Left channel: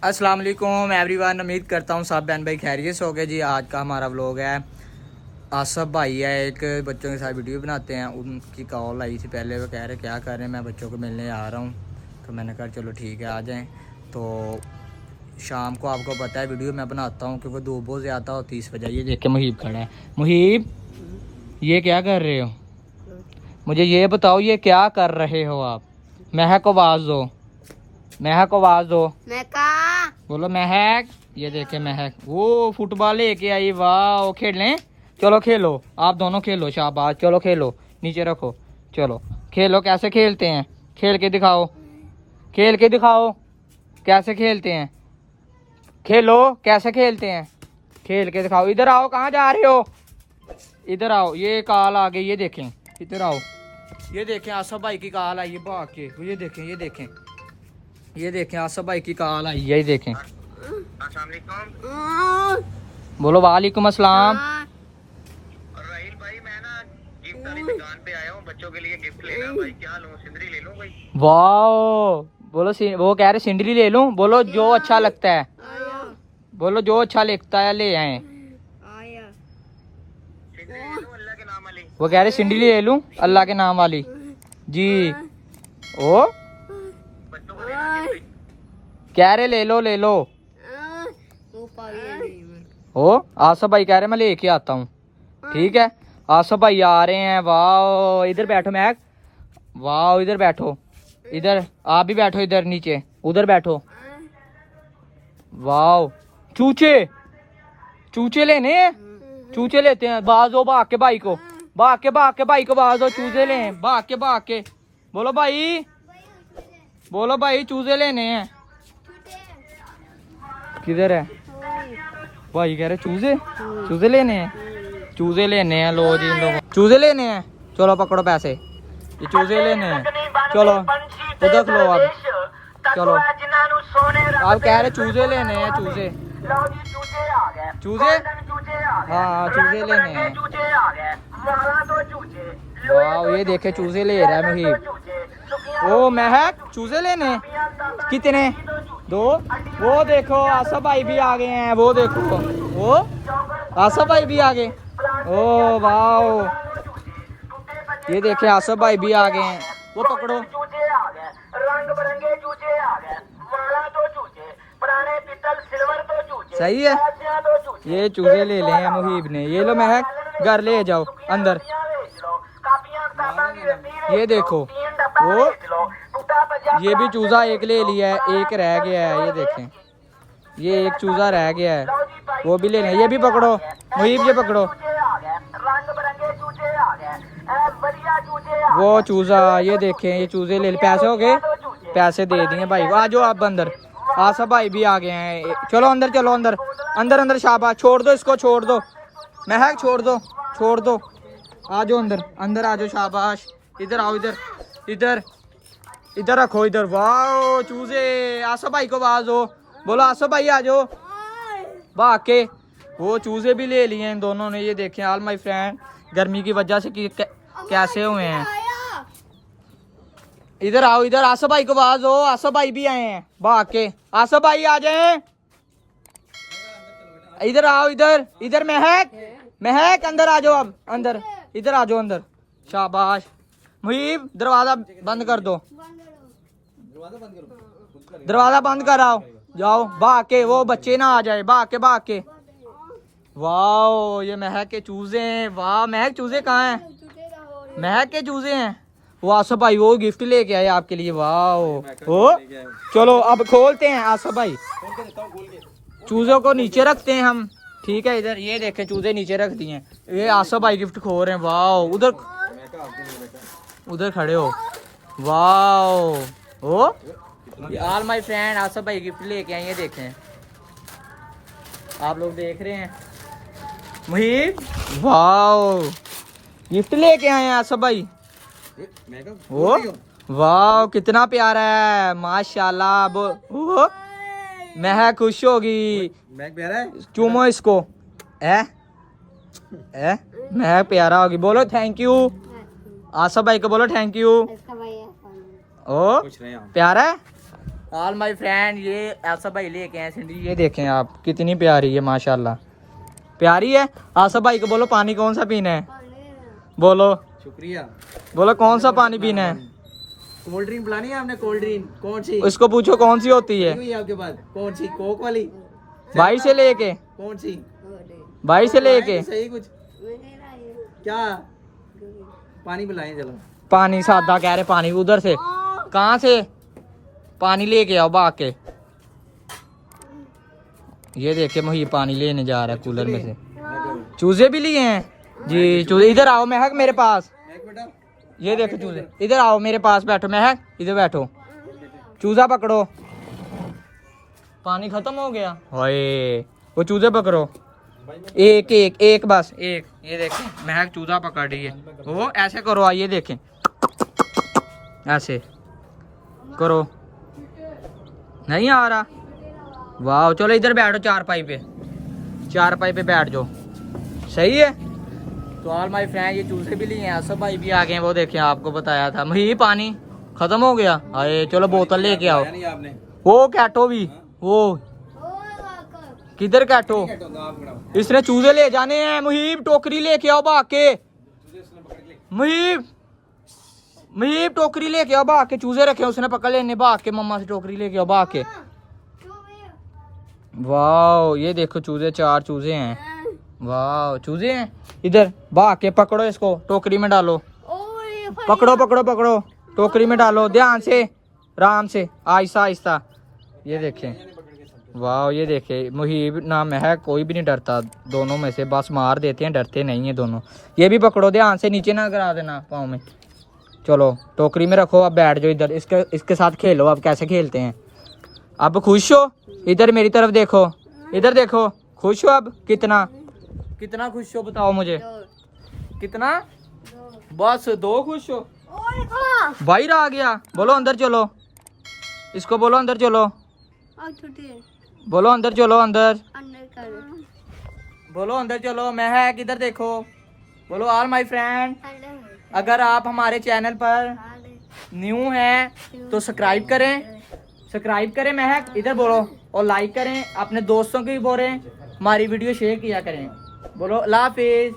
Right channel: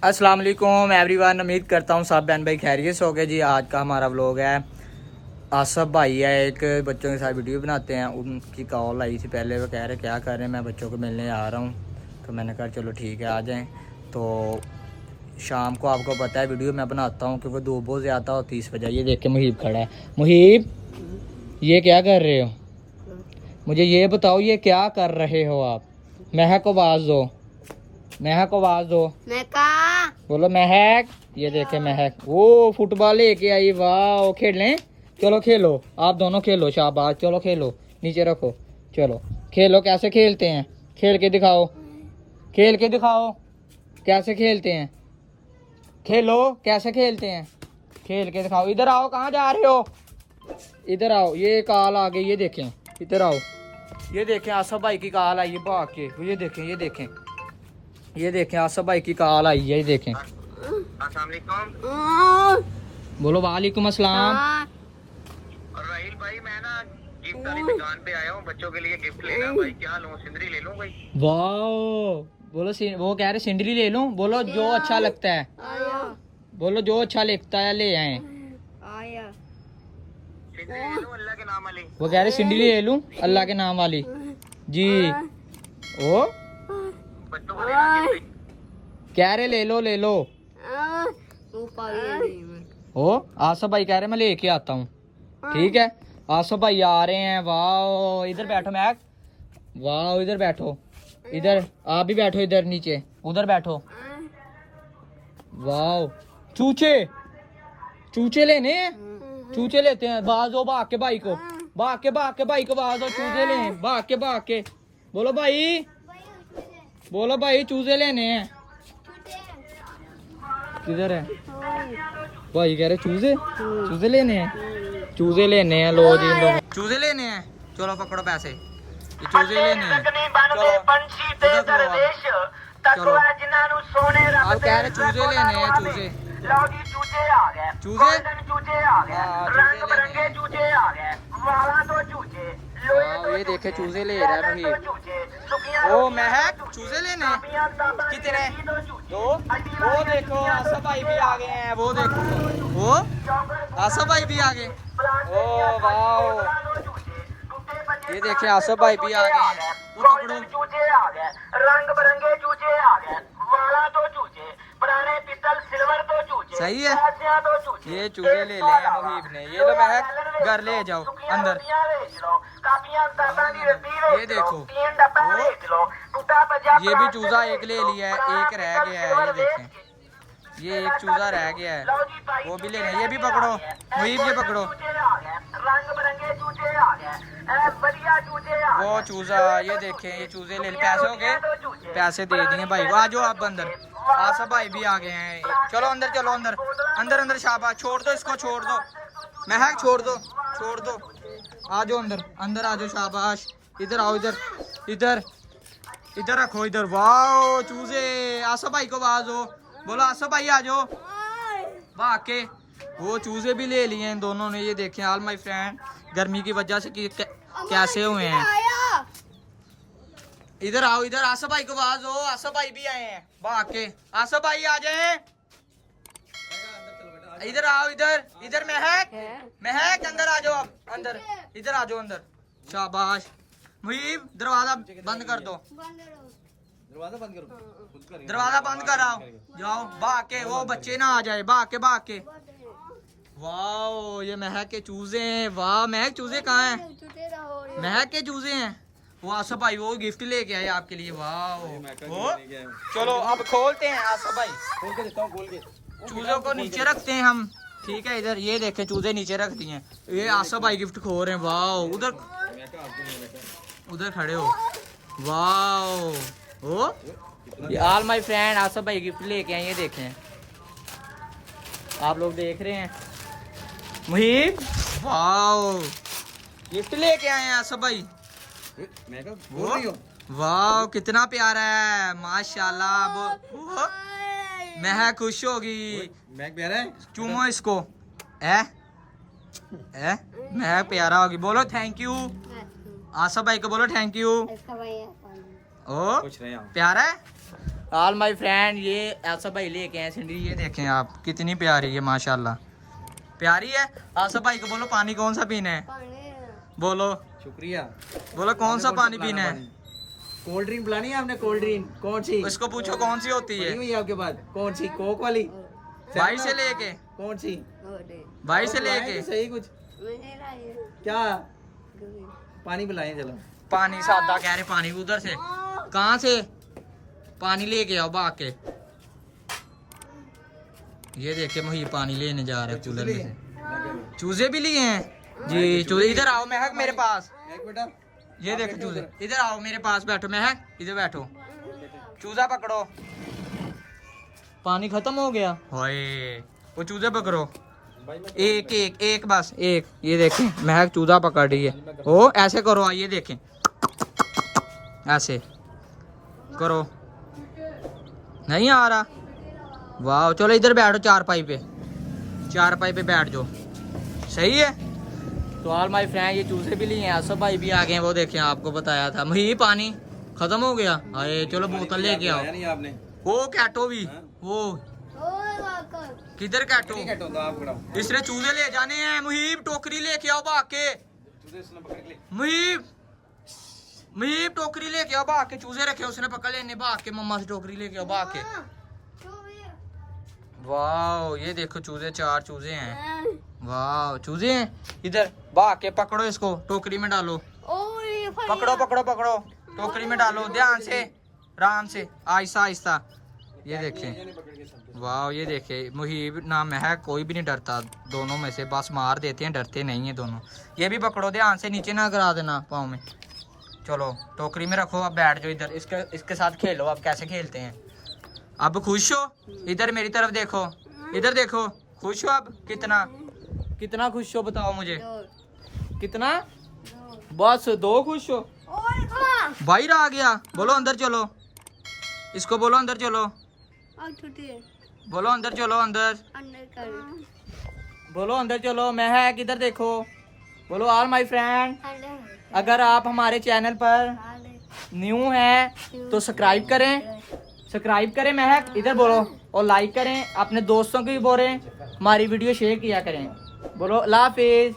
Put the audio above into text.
अस्सलाम वालेकुम एवरीवन, उम्मीद करता हूँ सब बहन भाई खैरियत से हो गए जी। आज का हमारा व्लॉग है, आसफ भाई है एक बच्चों के साथ वीडियो बनाते हैं। उनकी कॉल आई थी पहले, वो कह रहे क्या कर रहे हैं, मैं बच्चों को मिलने आ रहा हूँ। तो मैंने कहा चलो ठीक है आ जाएँ। तो शाम को आपको पता है वीडियो मैं बनाता हूँ क्योंकि धूप बहुत ज़्यादा होती है इस वजह। ये देख के मुहीब खड़ा है। मुहीब ये क्या कर रहे हो, मुझे ये बताओ ये क्या कर रहे हो आप? महक को आवाज़ दो, महक को आवाज़ दो। बोलो महक। ये देखे महक वो फुटबॉल लेके आई, वाह खेलें। चलो खेलो, आप दोनों खेलो, शाबाश। चलो खेलो, नीचे रखो, चलो खेलो। कैसे खेलते हैं, खेल के दिखाओ, खेल के दिखाओ कैसे खेलते हैं। खेलो कैसे खेलते हैं, खेल के दिखाओ। इधर आओ, कहाँ जा रहे हो, इधर आओ। ये कॉल आ गई, ये देखें, इधर आओ। ये देखें आसफ भाई की कॉल आई है भाग के। ये देखें, ये देखें, ये देखें आसफ भाई की कॉल आई है। ये देखें। बोलो वालेकुम अस्सलाम। और राहिल भाई मैं ना गिफ्ट वाली दुकान पे आया हूँ, बच्चों के लिए गिफ्ट लेना। भाई क्या लूँ, सिंदरी ले लूँ भाई? वाह बोलो वो कह रहे सिंडरी ले लूं। बोलो जो अच्छा लगता है, बोलो जो अच्छा लगता है ले आए। सिंदरी ले लूँ अल्लाह के नाम वाली? वो कह रहे सिंडरी ले लूं अल्लाह के नाम वाली जी। ओ बच्चों को लेना गिफ्ट। कह रहे ले लो, ले लो। ओ आसफ भाई कह रहे मैं लेके आता हूँ, ठीक है। आसफ भाई आ रहे हैं। वाह इधर बैठो महक, वाह इधर बैठो, इधर आप भी बैठो, इधर नीचे, उधर बैठो। वाह चूचे, चूचे लेने हैं, चूचे लेते हैं। बाज दो भाग के भाई को, भाग के भाई को बाज दो। चूजे ले भाग के। बोलो भाई, बोलो भाई चूजे लेने हैं। किधर है भाई? कह रहे चूजे, चूजे लेने हैं, चूजे लेने हैं। लो जी इन लोगों चूजे लेने हैं। चलो पकड़ो पैसे, ये चूजे लेने हैं। चलो उधर खलो आप, चलो आप कह रहे चूजे लेने हैं। चूजे, चूजे हाँ चूजे लेने हैं। वाह ये देखे चूजे ले रहा है मुहीब। ओ महक चूजे लेने हैं। कितने? दो। वो देखो आसफ भाई भी आ गए हैं, वो देखो वो आसफ भाई भी आ गए। ओ वाह ये देखे आसफ भाई भी आ गए हैं। वो पकड़ो, रंग बिरंगे चूचे आ गए, माला तो चूचे, पुराने पीतल सिल्वर तो चूचे, सही है। ये चूजे ले लिए हैं मुहीब ने। ये लो महक घर ले जाओ अंदर। ये देखो वो ये भी चूजा एक ले लिया है, एक रह गया है। ये देखें ये एक चूजा रह गया है, वो भी लेना। ये भी पकड़ो मुहीब, ये पकड़ो वो चूजा। ये देखें ये चूजे ले, पैसे हो गए, पैसे दे दिए भाई को। आ जाओ आप अंदर, आसफ भाई भी आ गए हैं। चलो अंदर, चलो अंदर, अंदर अंदर। शाबाश, छोड़ दो इसको, छोड़ दो महक, छोड़ दो, छोड़ दो। आ जाओ अंदर, अंदर आ जाओ, शाबाश। इधर आओ, इधर इधर इधर रखो, इधर। वाह चूजे। आसफ भाई को आवाज हो, बोलो आसफ भाई आ जाओ भाग के। वो चूजे भी ले लिए इन दोनों ने। ये देखें ऑल माय फ्रेंड, गर्मी की वजह से कैसे हुए हैं। इधर आओ, इधर आसफ भाई को आवाज हो, आसफ भाई भी आए हैं भाग के। आसफ भाई आ जाएं, इधर आओ, इधर इधर। महक, महक अंदर आ जाओ, अब अंदर, इधर आ जाओ अंदर। शाबाश मुहीब दरवाजा बंद कर दो, दरवाजा बंद कराओ। जाओ भाग के, वो बच्चे ना आ जाए, भाग के। वाह ये महक के चूजे हैं। वाह महक चूजे कहाँ हैं? महक के चूजे हैं। वो आसफ भाई वो गिफ्ट लेके आए आपके लिए। वाह वो चलो अब खोलते हैं आसफ भाई। चूजों को नीचे रखते हैं हम, ठीक है। इधर ये देखें चूजे नीचे रख दिए हैं। ये आसफ भाई गिफ्ट खो रहे हैं। वाह उधर, उधर खड़े हो। वाह ओ ऑल माय फ्रेंड आसफ भाई गिफ्ट लेके आए। ये देखें आप लोग देख रहे हैं मुहीब। वाह गिफ्ट लेके आए हैं आसफ भाई। वो वाह कितना प्यारा है माशाल्लाह। वो महक खुश होगी, चूमो इसको। महक प्यारा होगी। बोलो थैंक यू आसफ भाई को, बोलो थैंक यू। ओ प्यारा है। ऑल माय फ्रेंड, ये आसफ भाई लेके आए सिंडी, ये देखें आप कितनी प्यारी है माशाल्लाह, प्यारी है। आसफ भाई को बोलो पानी कौन सा पीना है, बोलो शुक्रिया। बोलो कौन सा पानी पीना है। कोल्ड ड्रिंक पिलानी है आपने? कोल्ड ड्रिंक कौन सी? उसको पूछो कौन सी होती है, हुई है आपके पास? कौन सी? कोक वाली? भाई से लेके, कौन सी? भाई से लेके। तो सही कुछ क्या पानी पिलाएं चलो। पानी सादा कह रहे, पानी उधर से कहाँ से पानी लेके आओ भाग के। ये देखिए मुही पानी लेने जा रहा है कूलर में से। चूजे भी लिए हैं जी, चूजे इधर आओ महक मेरे पास। एक बेटा ये देखो चूजे, इधर आओ मेरे पास बैठो महक, इधर बैठो, चूजा पकड़ो। पानी खत्म हो गया, हाय वो चूजे पकड़ो, एक एक एक बस एक। ये देखें महक चूजा पकड़ रही है। ओ ऐसे करो, आइए देखें, ऐसे करो, नहीं आ रहा। वाह चलो इधर बैठो चारपाई पे, चारपाई पे बैठ जाओ, सही है। तो ऑल माय फ्रेंड, ये चूजे भी लिए हैं, आसफ भाई भी आ गए हैं, वो देखें आपको बताया था। मही पानी खत्म हो गया, अरे चलो बोतल लेके आओ। नहीं आपने वो कैटो भी, वो किधर कैटो, इसने चूजे ले जाने हैं। मुहीब टोकरी लेके आओ भाग के, मुहीब मुहीब टोकरी लेके आओ भाग के, चूजे रखे उसने पकड़ लेने, भाग के मम्मा से टोकरी लेके आओ भाग के। वाह ये देखो चूजे, 4 चूजे हैं, वाह चूजे हैं। इधर भाग के पकड़ो इसको, टोकरी में डालो, पकड़ो पकड़ो पकड़ो, टोकरी में डालो, ध्यान से, आराम से, आहिस्ता आहिस्ता। ये देखें, वाह ये देखें, मुहीब नाम है, कोई भी नहीं डरता दोनों में से, बस मार देते हैं, डरते नहीं है दोनों। ये भी पकड़ो, ध्यान से, नीचे ना गिरा देना पाँव में। चलो टोकरी में रखो, अब बैठ जाओ इधर, इसके साथ खेलो। अब कैसे खेलते हैं, अब खुश हो? इधर मेरी तरफ देखो, इधर देखो, खुश हो अब? कितना कितना खुश हो बताओ मुझे, कितना? बस 2 खुश हो? बाहर आ गया, बोलो अंदर चलो, इसको बोलो अंदर चलो, बोलो अंदर चलो, अंदर बोलो अंदर चलो। मैं है किधर देखो, बोलो ऑल माय फ्रेंड, अगर आप हमारे चैनल पर न्यू हैं तो सब्सक्राइब करें, सब्सक्राइब करें महक, इधर बोलो, और लाइक करें, अपने दोस्तों को भी बोलें, हमारी वीडियो शेयर किया करें। बोलो अल्लाह हाफिज़।